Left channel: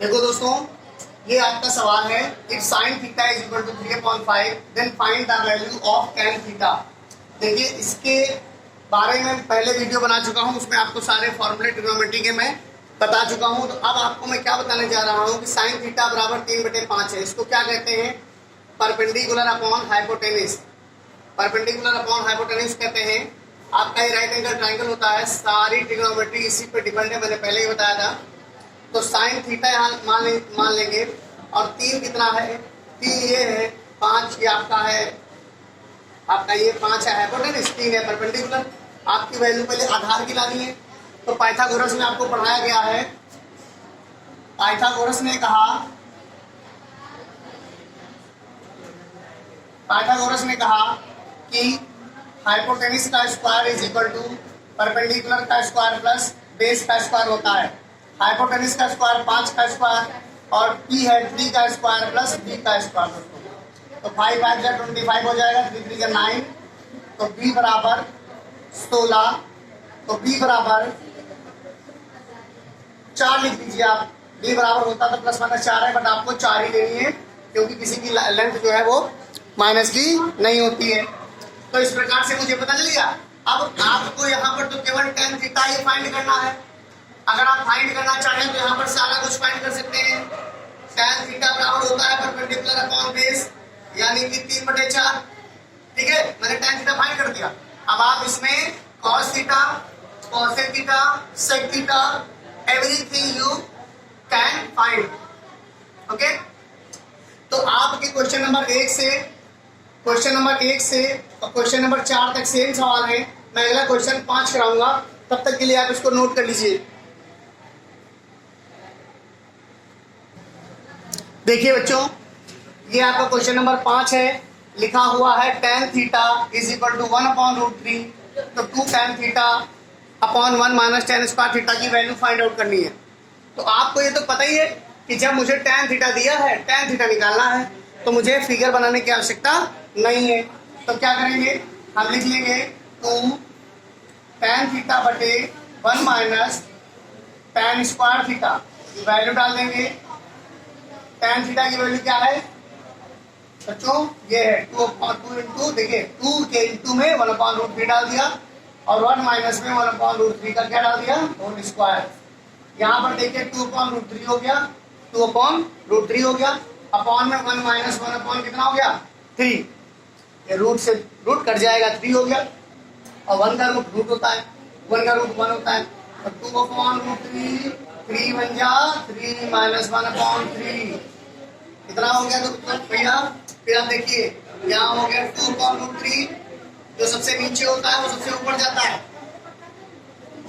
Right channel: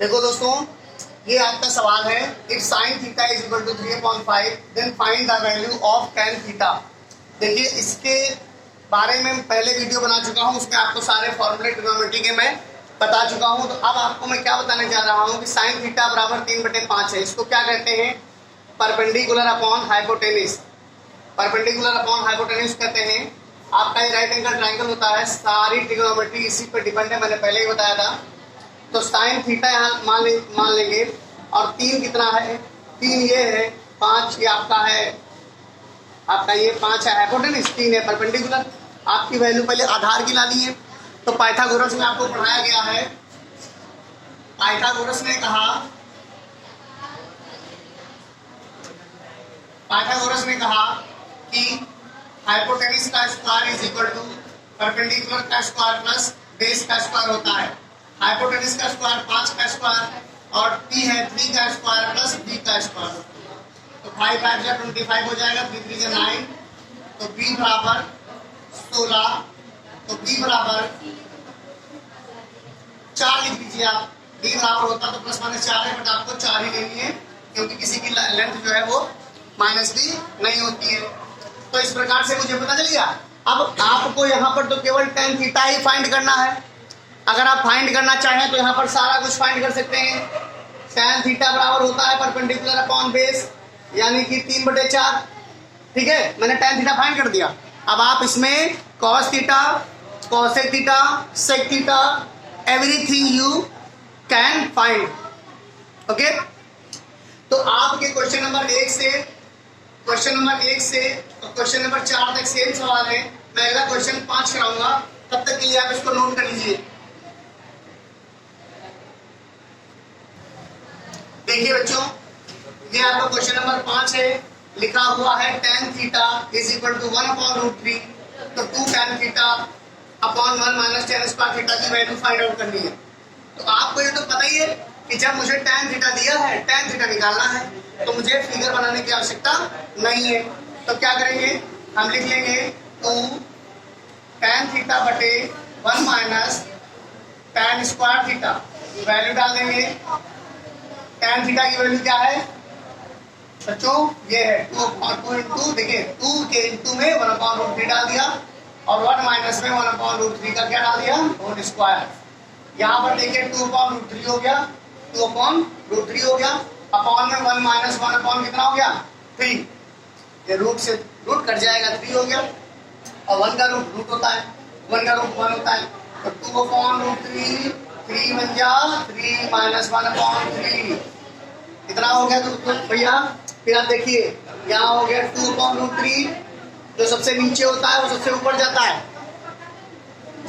देखो दोस्तों, ये आपका सवाल है, if sine theta is equal to 3/5 then find the value of tan theta. देखिए, इसके बारे में पहले वीडियो बना चुका हूँ, उसमें आपको सारे फॉर्मूले ट्रिग्नोमेट्री के मैं बता चुका हूँ। तो अब आपको मैं क्या बताने जा रहा हूँ कि साइन थीटा बराबर 3/5 है। इसको क्या कहते हैं? Perpendicular upon hypotenuse. Perpendicular upon hypotenuse कहते हैं। आपका ये राइट एंगल ट्राइंगल होता है, सारी ट्रिग्नोमेट्री इसी पर डिपेंड है, मैंने पहले ही बताया था। तो साइन थीटा यहाँ मान लेंगे, और 3 कितना है? 3 ये है, 5 ये आपका है, आपका ये 5 है हाइपोटेनिस, 3 है परपेंडिकुलर। आपकी वैल्यू पहले आधार की लानी है। तो पाइथागोरस में आपको पढ़ाया गया है, पाइथागोरस ने कहा कि हाइपोटेनिस का square is equal to perpendicular का स्क्वायर प्लस बेस का स्क्वायर होता है। हाइपोटेनिस का स्क्वायर 5 का स्क्वायर, और p है 3 का स्क्वायर प्लस b का स्क्वायर। तो 5 5 जा 25 हो जाएगा, 3 3 जा 9, तो b बराबर 16, तो b बराबर 4 लिख दीजिए आप। b बराबर होता तो प्लस माइनस 4 है, बट आपको 4 ही लेनी है, क्योंकि किसी की लेंथ जो है वो माइनस की नहीं होती है। तो इस प्रकार से मुझे पता चल गया। अब आपको यहाँ पर तो केवल tan थीटा ही फाइंड करना है। अगर आप फाइंड करना चाहें तो यहाँ पर सारा कुछ फाइंड कर सकते हैं। tan थीटा बराबर होता है परपेंडिकुलर अपॉन बेस, यानी कि 3/4। ठीक है, मैंने tan थीटा फाइंड कर दिया। अब आप इसमें cos theta, cosec theta, sec theta, everything you can find. Okay, तो आपके क्वेश्चन नंबर 1 से और क्वेश्चन नंबर 4 तक सेम सवाल है। मैं अगला क्वेश्चन 5 कराऊंगा, तब तक के लिए आप इसको नोट कर लीजिए। देखिए बच्चों, ये आपका क्वेश्चन नंबर 5 है। लिखा हुआ है tan theta is equal to 1/√3। तो 2 tan theta upon 1 minus tan square theta की वैल्यू फाइंड आउट करनी है। तो आपको ये तो पता ही है कि जब मुझे tan थीटा दिया है, tan थीटा निकालना है, तो मुझे फिगर बनाने की आवश्यकता नहीं है। तो क्या करेंगे, हम लिख लेंगे 2 tan थीटा बटे 1 minus tan square theta, value डाल देंगे। tan थीटा की वैल्यू क्या है बच्चों? ये है 2 इंटू, देखिए 2 के इंटू में 1/√3 डाल दिया, और 1 माइनस में 1/√3 का क्या डाल दिया? Whole square. यहाँ पर देखिए 2/√3 हो गया, 2/√3 हो गया, अपॉन में 1 माइनस 1 अपॉन कितना हो गया? 3। ये रूट से रूट कट जाएगा, 3 हो गया, और 1 का रूट होता है, 1 का रूट 1 होता है। तो 2/√3, 3 बन जा 3 माइनस 1/3 कितना हो गया? तो भैया फिर आप देखिए, यहाँ हो गया 2/√3, जो सबसे नीचे होता है वो सबसे ऊपर जाता है,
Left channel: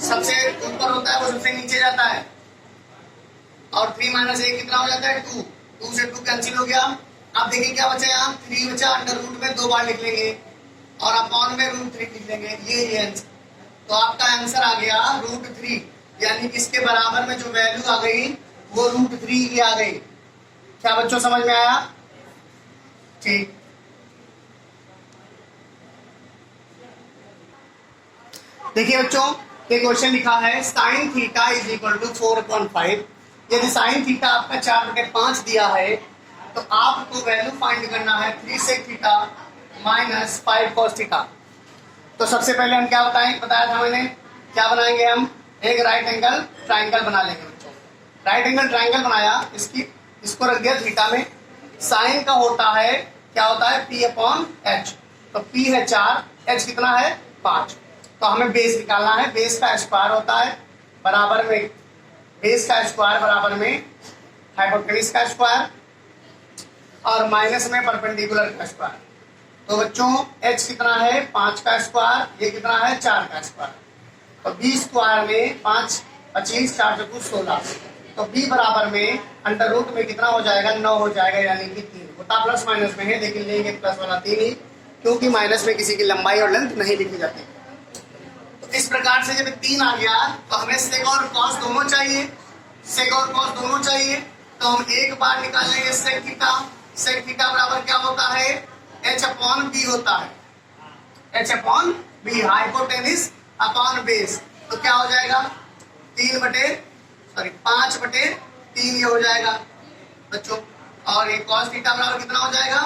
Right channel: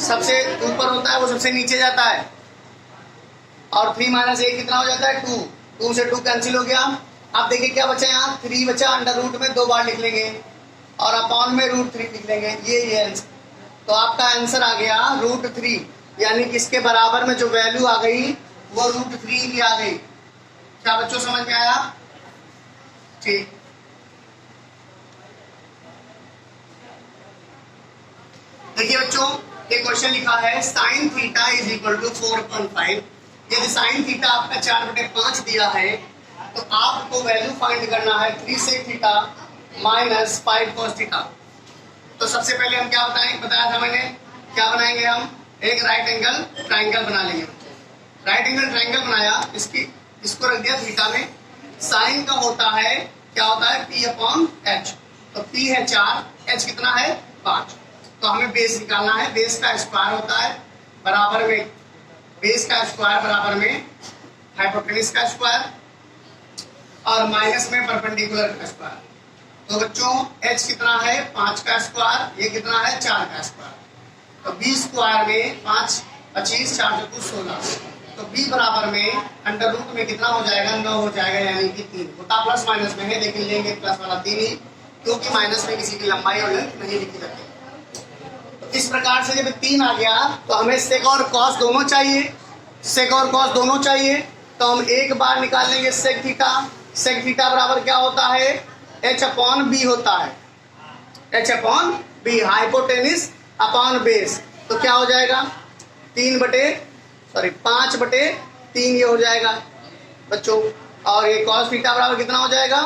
सबसे ऊपर होता है वो सबसे नीचे जाता है, और 3 माइनस 1 कितना हो जाता है? 2। 2 से 2 कैंसिल हो गया। अब देखिए क्या बचा, यहाँ 3 बचा, अंडर रूट में 2 बार लिख लेंगे, और अपॉन में √3 लिख लेंगे। ये आंसर, तो आपका आंसर आ गया √3, यानी कि इसके बराबर में जो वैल्यू आ गई वो √3 की आ गई। क्या बच्चों समझ में आया? ठीक। देखिए बच्चों, ये क्वेश्चन लिखा है sine theta is equal to 4/5। यदि साइन थीटा आपका 4/5 दिया है, तो आपको वैल्यू फाइंड करना है 3 sec theta minus 5 cos theta. तो सबसे पहले हम क्या बताया था मैंने, क्या बनाएंगे हम? एक राइट एंगल ट्राइंगल बना लेंगे बच्चों। राइट एंगल ट्राइंगल बनाया, इसको रख दिया थीटा में। साइन का होता है, क्या होता है? p/h। तो p है 4, h कितना है? 5। तो हमें बेस निकालना है। बेस का स्क्वायर होता है बराबर में, बेस का स्क्वायर बराबर में हाइपोटेनिस का स्क्वायर, और माइनस में परपेंडिकुलर का स्क्वायर। तो बच्चों h कितना है? 5 का स्क्वायर, ये कितना है? 4 का स्क्वायर। तो b स्क्वायर में 5 25, 4 चौको 16। तो b बराबर में अंडर रूट में कितना हो जाएगा? 9 हो जाएगा, यानी कि 3 होता प्लस माइनस में है, लेकिन लेंगे प्लस वाला 3 ही, क्योंकि माइनस में किसी की लंबाई और लेंथ नहीं लिखी जाती। तो इस प्रकार से जब 3 आ गया, तो हमें सेक और कॉस दोनों चाहिए, सेक और कॉस दोनों चाहिए। तो हम एक बार निकाल लेंगे सेक थीटा। सेक थीटा बराबर क्या होता है? h/b होता है, h/b, हाइपोटेनिस अपॉन बेस। तो क्या हो जाएगा? 5/3 3 ये हो जाएगा बच्चों। और ये cos थीटा बराबर कितना हो जाएगा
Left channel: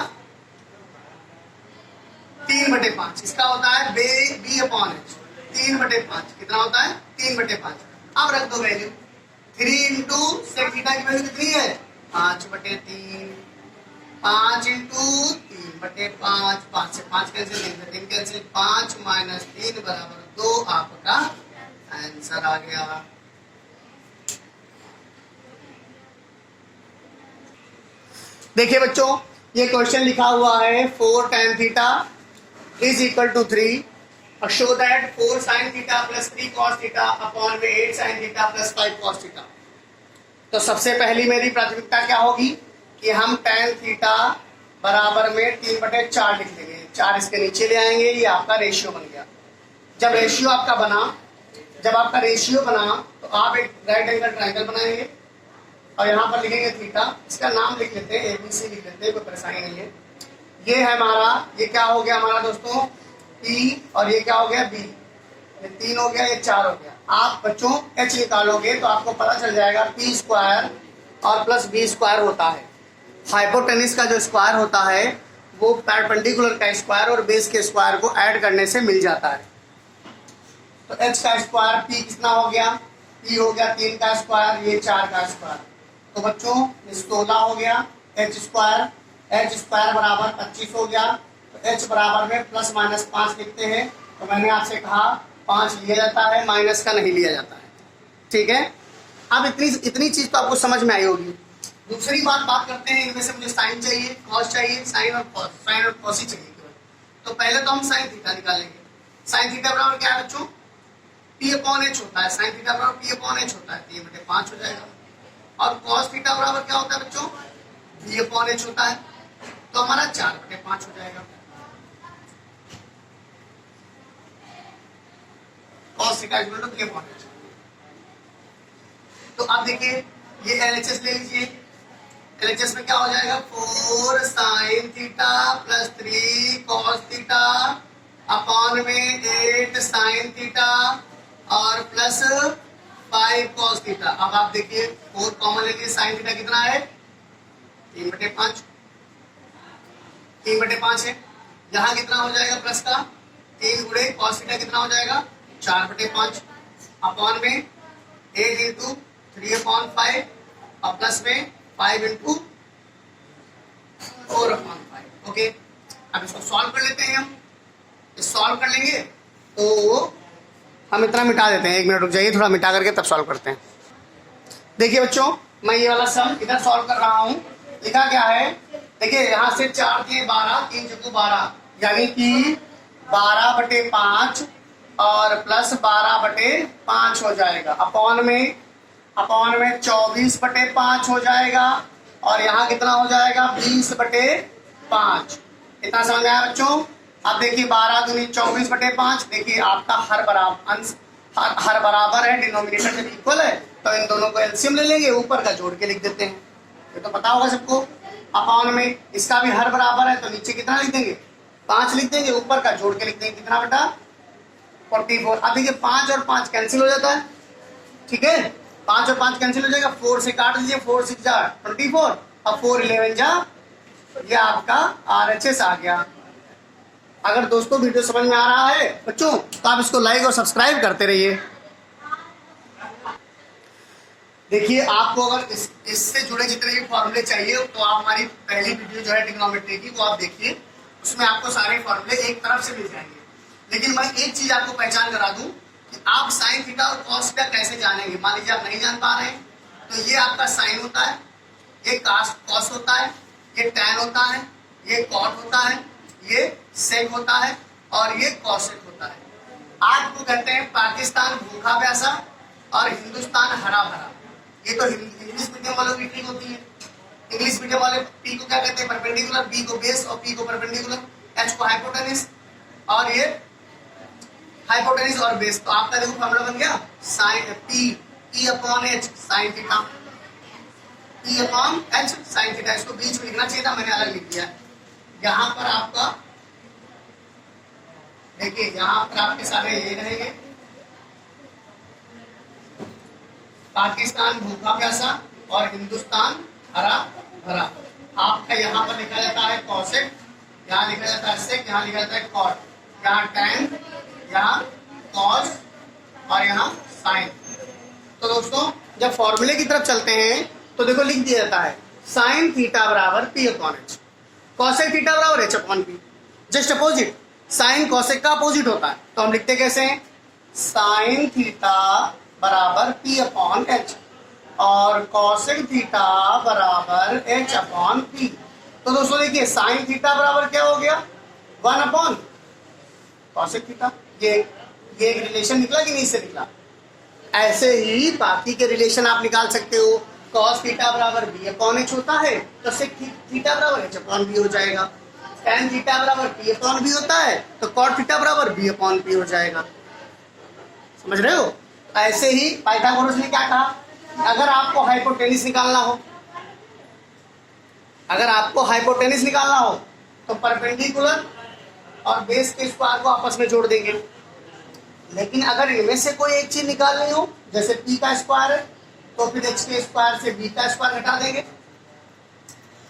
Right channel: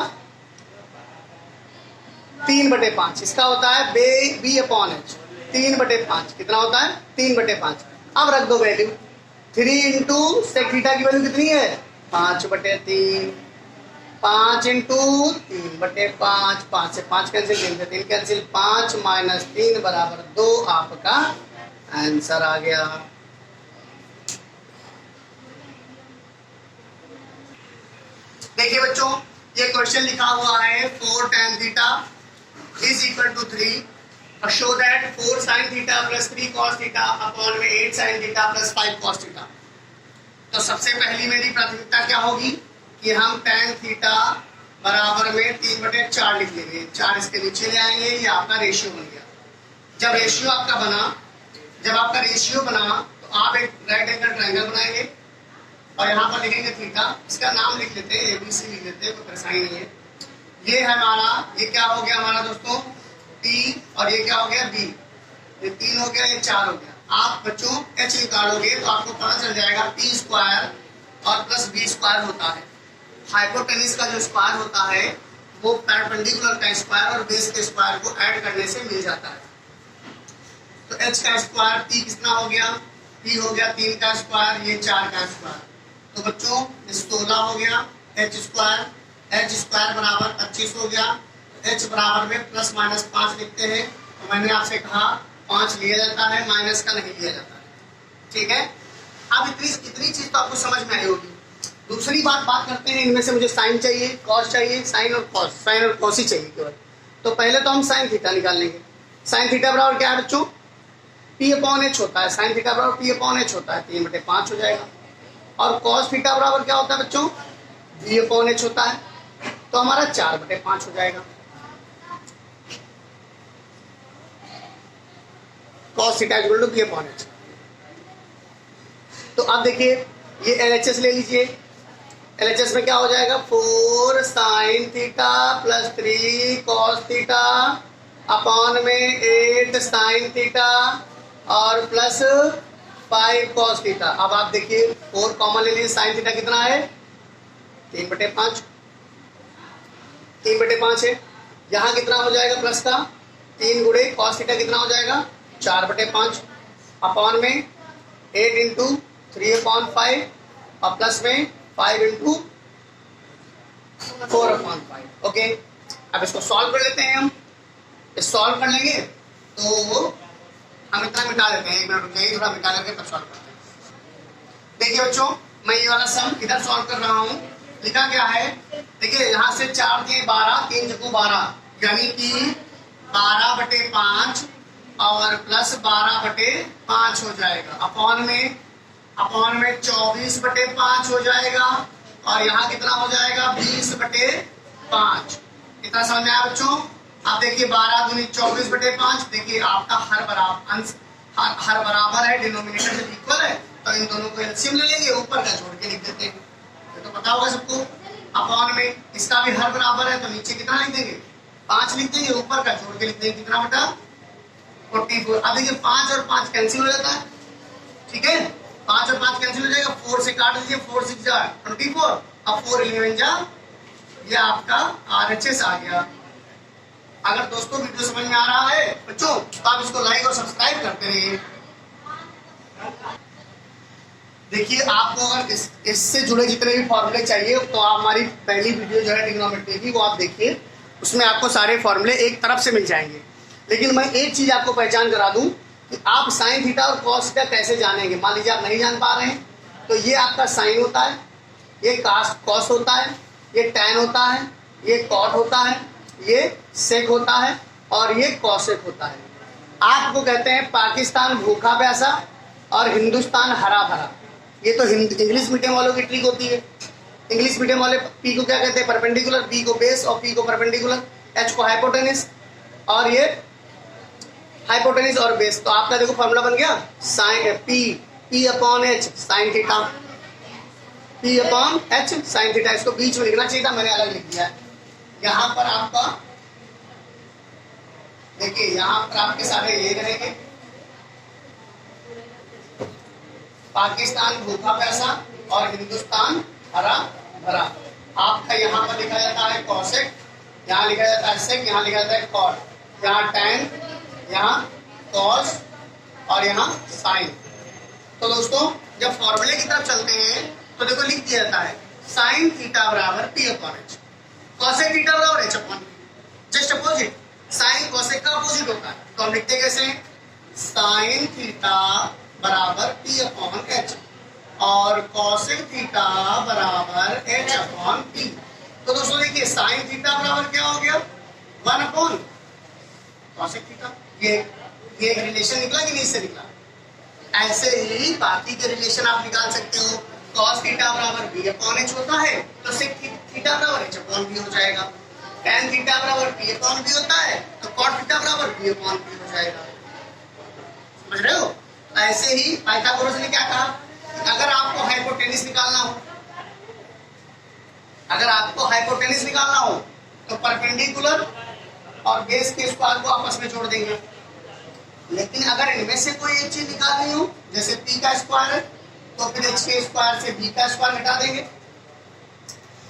3/5। इसका होता है b अपॉन h। 3/5 कितना होता है 3/5। अब रख दो वैल्यू 3 इंटू सेक थीटा की वैल्यू कितनी है 5/3। 5 इंटू 3/5। 5 से 5 कैंसिल, 3 से 3 कैंसिल, 5 माइनस 3 बराबर 2 आपका आंसर आ गया। देखिए बच्चों ये क्वेश्चन लिखा हुआ है 4 tan theta is equal to 3 और show that 4 sin theta plus 3 cos theta upon में 8 sin theta plus 5 cos theta. तो सबसे पहली मेरी प्राथमिकता क्या होगी कि हम tan थीटा बराबर में 3/4 लिख लेंगे। 4 इसके नीचे ले आएंगे, ये आपका रेशियो बन गया। जब रेशियो आपका बना तो आप एक राइट एंगल ट्रायंगल बनाएंगे और यहाँ पर लिखेंगे थीटा। इसका नाम लिख लेते हैं ABC लिख लेते हैं, कोई परेशानी नहीं है। ये है हमारा, ये क्या हो गया हमारा दोस्तों T और ये क्या हो गया B। ये 3 हो गया, ये 4 हो गया। आप बच्चों H निकालोगे तो आपको पता चल जाएगा P² और प्लस B² होता है। हाइपोटेनिस का जो स्क्वायर होता है वो परपेंडिकुलर का स्क्वायर और बेस के स्क्वायर को ऐड करने से मिल जाता है। तो H का स्क्वायर P कितना हो गया, P हो गया 3 का स्क्वायर, ये 4 का स्क्वायर। तो बच्चों 16 हो गया H² बराबर 25 हो गया। तो H बराबर में प्लस माइनस 5 लिखते हैं। तो मैंने आपसे कहा 5 लिया जाता है, माइनस का नहीं लिया जाता है। ठीक है, अब इतनी चीज तो आपको समझ में आई होगी। दूसरी बात करते हैं, इनमें से मुझे साइन चाहिए, कॉस चाहिए, साइन और कॉस ही चाहिए केवल। तो पहले तो हम साइन थीटा निकाल लेंगे। साइन थीटा बराबर क्या है बच्चों P/H होता है। साइन थीटा बराबर P/H होता है, 3/5 हो जाएगा। और कॉस थीटा बराबर क्या होता है बच्चों B/H होता है, तो हमारा 4/5 हो जाएगा। Cos theta equal to B/H। तो अब देखिए ये LHS ले लीजिए। LHS में क्या हो जाएगा 4 sin theta plus 3 cos theta upon में 8 sin थीटा और प्लस 5 cos थीटा। अब आप देखिए 4 कॉमन ले लीजिए, sin थीटा कितना है 3/5। 3/5 है, यहाँ कितना हो जाएगा प्लस का 3 गुणे cos थीटा कितना हो जाएगा 4/5 अपॉन में 8 इंटू 3/5 और प्लस में 5 इंटू 4/5। ओके, अब इसको सॉल्व कर लेते हैं। हम सॉल्व कर लेंगे तो हम इतना मिटा देते हैं। 1 मिनट रुक जाइए, थोड़ा मिटा करके तब सॉल्व करते हैं। देखिए बच्चों मैं ये वाला सम इधर सॉल्व कर रहा हूँ। लिखा क्या है देखिए, यहाँ से 4 दिए 12, 3 चक्कू 12 यानी कि 12/5 और प्लस 12/5 हो जाएगा। अपॉन में 24/5 हो जाएगा और यहाँ कितना हो जाएगा 20/5। इतना समझ में आया बच्चों। अब देखिए 12 दूनी 24/5। देखिए आपका हर बराबर है, डिनोमिनेटर जब इक्वल है तो इन दोनों को एलसीएम ले लेंगे, ऊपर का जोड़ के लिख देते हैं। ये तो पता होगा सबको। अपॉन में इसका भी हर बराबर है तो नीचे कितना लिख देंगे 5 लिख देंगे, ऊपर का जोड़ के लिख देंगे कितना बेटा 44। अब देखिए 5 और 5 कैंसिल हो जाता है। ठीक है, 5 और 5 कैंसिल हो जाएगा, 4 से काट दीजिए, 4 6 जा 24 और 4 11 जा, ये आपका RHS आ गया। अगर दोस्तों वीडियो समझ में आ रहा है बच्चों तो आप इसको लाइक और सब्सक्राइब करते रहिए। देखिए आपको अगर इससे जुड़े जितने भी फॉर्मूले चाहिए तो आप हमारी पहली वीडियो जो है ट्रिग्नोमेट्री की वो आप देखिए, उसमें आपको सारे फॉर्मूले एक तरफ से मिल जाएंगे। लेकिन मैं एक चीज आपको पहचान करा दूं कि आप साइन थीटा और कॉस थीटा कैसे जानेंगे। मान लीजिए आप नहीं जान पा रहे हैं तो ये आपका साइन होता है, ये कॉस होता है, ये टैन होता है, ये कॉट होता है, ये सेक होता है और ये कॉसेक होता है। आपको कहते हैं पाकिस्तान भूखा प्यासा और हिंदुस्तान हरा भरा। ये तो इंग्लिश मीडियम वालों की ट्रिक होती है। इंग्लिश मीडियम वाले पी को क्या कहते हैं परपेंडिकुलर, बी को बेस और पी को परपेंडिकुलर, एच को हाइपोटेनिस और ये हाइपोटेनिस और बेस। तो आपका देखो फॉर्मूला बन गया sine P/H sine theta, P/H sine theta. इसको बीच में लिखना चाहिए था, मैंने अलग लिख दिया है। यहाँ पर आपका देखिए, यहाँ पर आपके सारे ये रहेंगे पाकिस्तान भूखा प्यासा और हिंदुस्तान हरा भरा। आपका यहाँ पर लिखा जाता है कॉसेक, यहाँ लिखा जाता है सेक, यहाँ लिखा जाता है कॉट, यहाँ टैन, यहाँ कॉस और यहाँ साइन। तो दोस्तों जब फॉर्मूले की तरफ चलते हैं तो देखो लिख दिया जाता है साइन थीटा बराबर P upon H, cosec theta बराबर H upon P. Just opposite, sine cosec का अपोजिट होता है, तो हम लिखते कैसे हैं, साइन थीटा बराबर पी अपॉन एच और कॉसेक थीटा बराबर एच अपॉन पी। तो दोस्तों देखिए साइन थीटा बराबर क्या हो गया, 1 अपॉन कॉसेक थीटा। ये एक रिलेशन निकला कि नहीं से निकला। ऐसे ही बाकी के रिलेशन आप निकाल सकते हो, कॉस थीटा बराबर बी अपॉन एच होता है तो सेक थीटा बराबर एच अपॉन बी हो जाएगा। टैन थीटा बराबर पी अपॉन बी होता है तो कॉट थीटा बराबर बी अपॉन पी हो जाएगा। समझ रहे हो। ऐसे ही पाइथागोरस ने क्या कहा, अगर आपको हाइपोटेनिस निकालना हो, अगर आपको हाइपोटेनिस निकालना हो तो परपेंडिकुलर और बेस के स्क्वायर को आपस में जोड़ देंगे। लेकिन अगर इनमें से कोई एक चीज निकालनी हो, जैसे पी का स्क्वायर है तो फिर एच के स्क्वायर से बी का स्क्वायर घटा देंगे,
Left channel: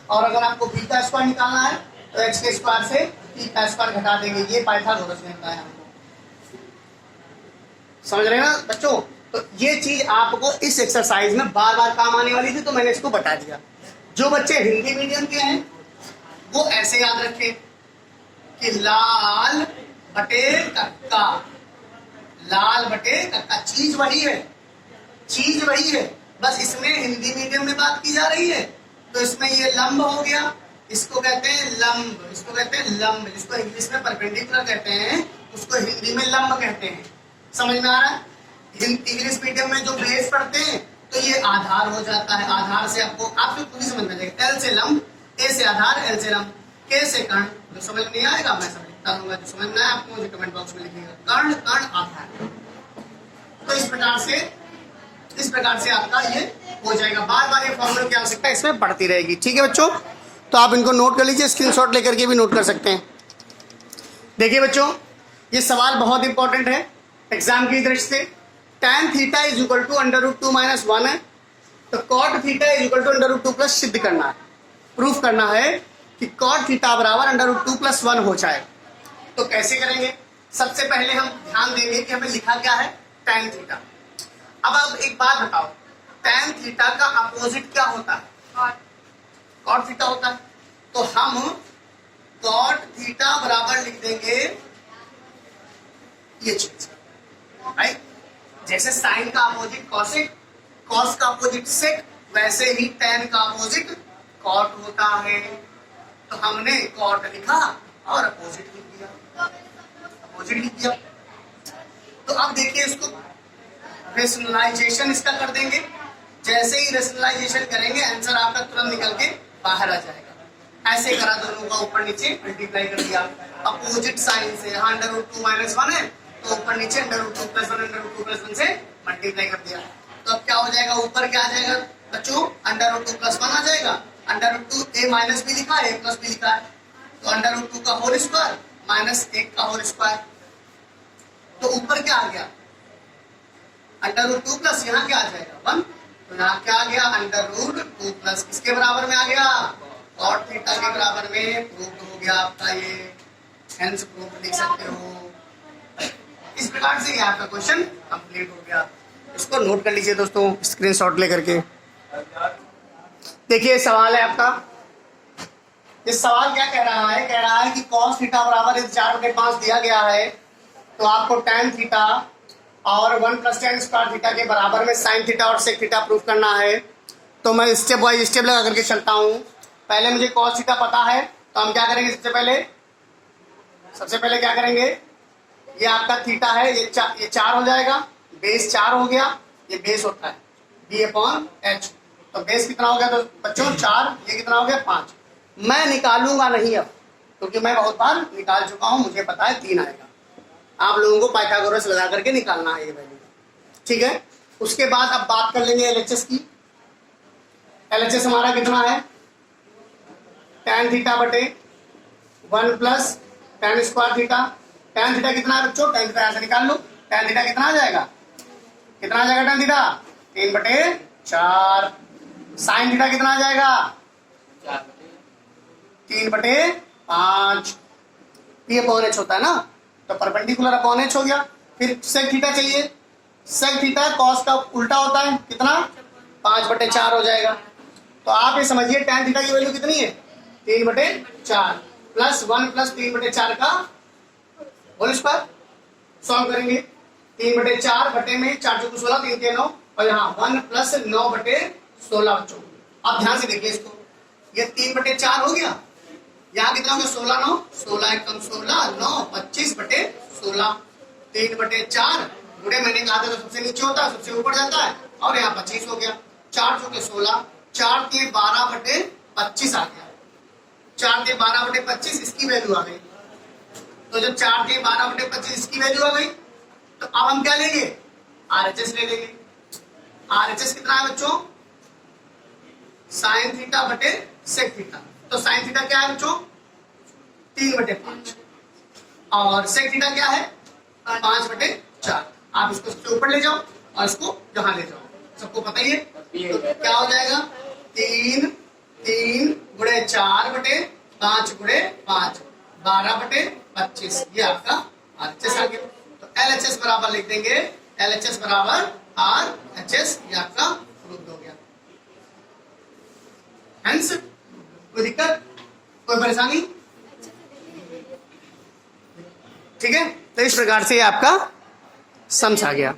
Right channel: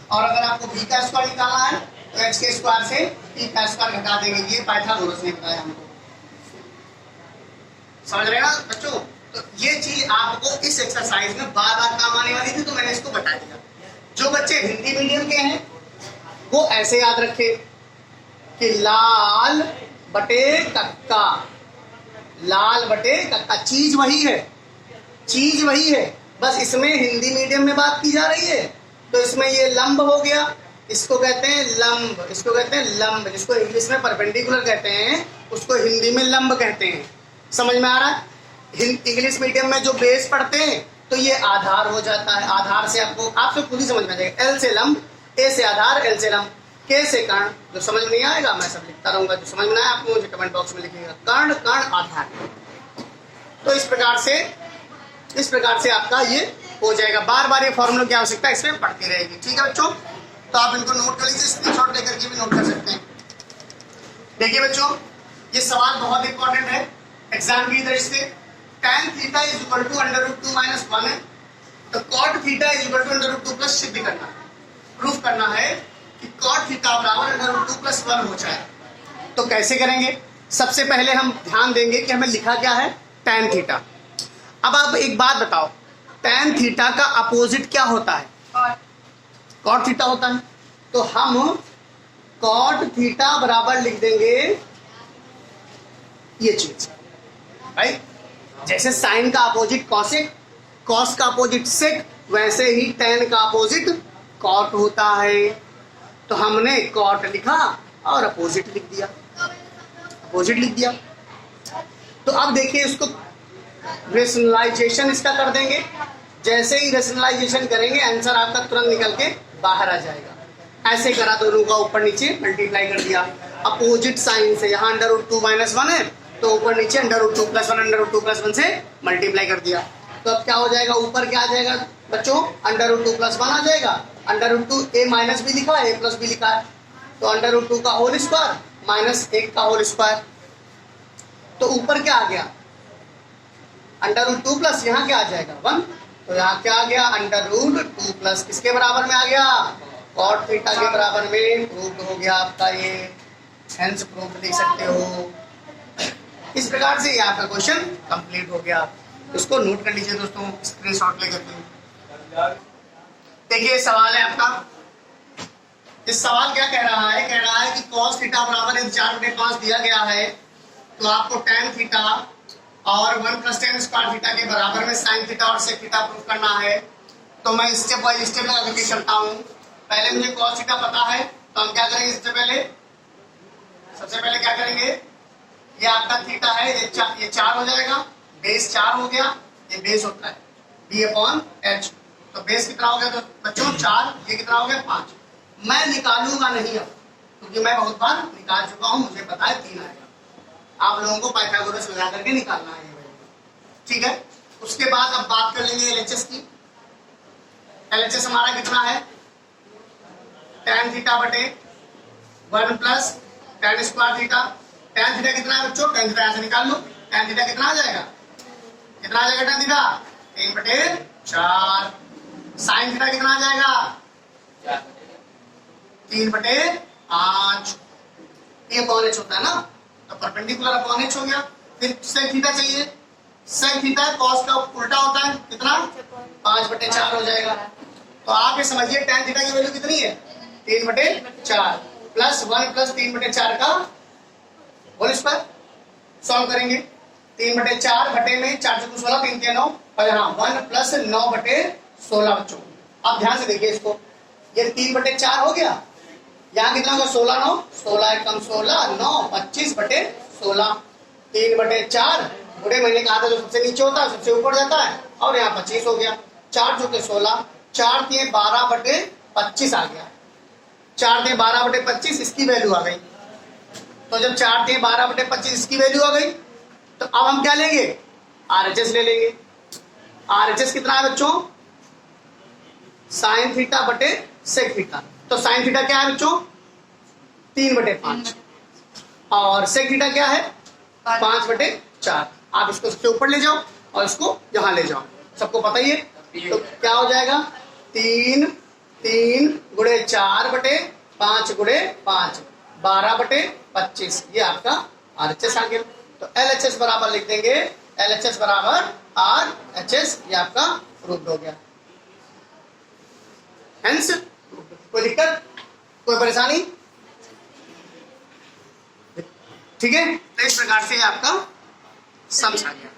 और अगर आपको बी का स्क्वायर निकालना है तो एच के स्क्वायर से पी का स्क्वायर घटा देंगे। ये पाइथागोरस ने बताया हमको। समझ रहे हैं बच्चों। तो ये चीज आपको इस एक्सरसाइज में बार बार काम आने वाली थी तो मैंने इसको बता दिया। जो बच्चे हिंदी मीडियम के हैं वो ऐसे याद रखे कि लाल बटे कक्का, लाल बटे कक्का, चीज वही है, चीज वही है, बस इसमें हिंदी मीडियम में बात की जा रही है। तो इसमें ये लंब हो गया, इसको कहते हैं लंब, इसको कहते हैं लंब, जिसको इंग्लिश में परपेंडिकुलर कहते हैं उसको हिंदी में लंब कहते हैं। समझ में आ रहा है। इंग्लिश मीडियम में जो बेस पढ़ते हैं तो ये आधार हो जाता है, आधार से आपको खुद ही समझ में आ जाएगा। एल से लंब, ए से आधार, एल से लंब, के से कर्ण। जो समझ में नहीं आएगा मैं सब लिखता रहूंगा, जो समझ में आया आपको मुझे कमेंट बॉक्स में लिखिएगा। कर्ण कर्ण आधार। तो इस प्रकार से आपका ये हो जाएगा। बार बार ये फॉर्मूला की आवश्यकता इसमें पड़ती रहेगी। ठीक है बच्चों, तो आप इनको नोट कर लीजिए, स्क्रीनशॉट लेकर के भी नोट कर सकते हैं। देखिए बच्चों ये सवाल बहुत इंपॉर्टेंट है एग्जाम की दृष्टि से। tan theta is equal to √2 - 1 है, तो cot theta is equal to √2 plus सिद्ध करना है, प्रूफ करना है कि cot थीटा बराबर √2 + 1 हो जाए। तो कैसे करेंगे, सबसे पहले हम ध्यान देंगे कि हमें लिखा क्या है, tan थीटा। अब आप एक बात बताओ, tan थीटा का अपोजिट क्या होता है, cot थीटा होता है। तो हम cot थीटा बराबर लिख देंगे ये चीज, राइट। जैसे साइन का अपोजिट कॉसेक, कॉस का अपोजिट सेक, वैसे ही tan का अपोजिट कॉट होता है। तो हमने कॉट लिखा और अपोजिट लिख दिया, अपोजिट लिख दिया। तो अब देखिए इसको रेशनलाइजेशन इसका कर देंगे। जैसे ही रेशनलाइजेशन करेंगे आंसर आपका तुरंत निकल के बाहर आ जाएगा। ऐसे करा, दोनों का ऊपर नीचे मल्टीप्लाई कर दिया अपोजिट साइन से। यहाँ √2 - 1 है तो ऊपर नीचे √2 + 1 √2 + 1 से मल्टीप्लाई कर दिया। तो अब क्या हो जाएगा, ऊपर क्या आ जाएगा बच्चों, √2 + 1 आ जाएगा। √2 a माइनस भी लिखा है, a प्लस भी लिखा है, तो √2 का होल स्क्वायर -1 का होल स्क्वायर। तो ऊपर क्या आ गया, √2 प्लस यहाँ क्या आ जाएगा 1, तो यहाँ क्या आ गया √2 प्लस किसके बराबर में आ गया, cot थीटा के बराबर में। प्रूफ हो गया आपका ये, हेंस प्रूफ लिख सकते हो। इस प्रकार से ये आपका क्वेश्चन कंप्लीट हो गया। उसको नोट कर लीजिए दोस्तों स्क्रीनशॉट लेकर के। देखिए सवाल है आपका, इस सवाल क्या कह रहा है, कह रहा है कि cos थीटा बराबर 4/5 दिया गया है, तो आपको tan थीटा और 1 + tan स्क्वायर थीटा के बराबर में sin थीटा और sec थीटा प्रूफ करना है। तो मैं स्टेप बाय स्टेप लगा करके चलता हूँ। पहले मुझे cos थीटा पता है तो हम क्या करेंगे, सबसे पहले क्या करेंगे, ये आपका थीटा है, ये 4 हो जाएगा, बेस 4 हो गया, ये बेस होता है b/h। तो बेस कितना हो गया तो बच्चों 4, ये कितना हो गया 5। मैं निकालूंगा नहीं अब, क्योंकि मैं बहुत बार निकाल चुका हूं, मुझे पता है 3 आएगा। आप लोगों को पाइथागोरस लगा करके निकालना है ये वैल्यू, ठीक है। उसके बाद अब बात कर लेंगे LHS की। LHS हमारा कितना है, tan थीटा बटे 1 + tan square theta. tan theta कितना है बच्चों, tan थीटा ऐसे निकाल लो, tan थीटा कितना आ जाएगा, कितना आ जाएगा tan थीटा 3/4। साइन थीटा कितना आ जाएगा? 3/5। ये अपॉन एच होता है ना, तो परपेंडिकुलर अपॉन एच हो गया। फिर सेक थीटा चाहिए। सेक थीटा कॉस का उल्टा होता है, कितना? 5/4 हो जाएगा। तो आप ये समझिए tan थीटा की वैल्यू कितनी है? 3/4 प्लस 1 प्लस 3/4 का होल स्क्वायर। सॉल्व करेंगे। 3/4 बटे में 4 चौको 16, 3 के 9, और यहाँ 1 प्लस 9/16 बच्चों। अब ध्यान से देखिए इसको, ये 3/4 हो गया, यहाँ कितना होगा? 16 9, 16 एकम 16, 9 25/16। 3/4 बुढ़े महीने का आधा जो सबसे नीचे होता है सबसे ऊपर जाता है, और यहाँ 25 हो गया। 4 चौके 16, 4 के 12/25 आ गया। 4 के 12/25 इसकी वैल्यू आ गई। तो जब 4 के 12/25 इसकी वैल्यू आ गई, तो अब हम क्या लेंगे? RHS ले लेंगे। RHS कितना है बच्चों? साइन थीटा बटे सेक थीटा। तो साइन थीटा क्या है बच्चों? 3/5, और सेक थीटा क्या है? 5/4। आप इसको सबसे ऊपर ले जाओ और इसको यहां ले जाओ, सबको पता ही है। तो क्या हो जाएगा? 3 गुणे 4/5 गुणे 5, 12/25। ये आपका RHS आ गया। तो LHS बराबर लिख देंगे, LHS बराबर RHS। ये आपका प्रूफ हो गया। हेंस कोई दिक्कत, कोई परेशानी? ठीक है, तो इस प्रकार से आपका समझ आ गया।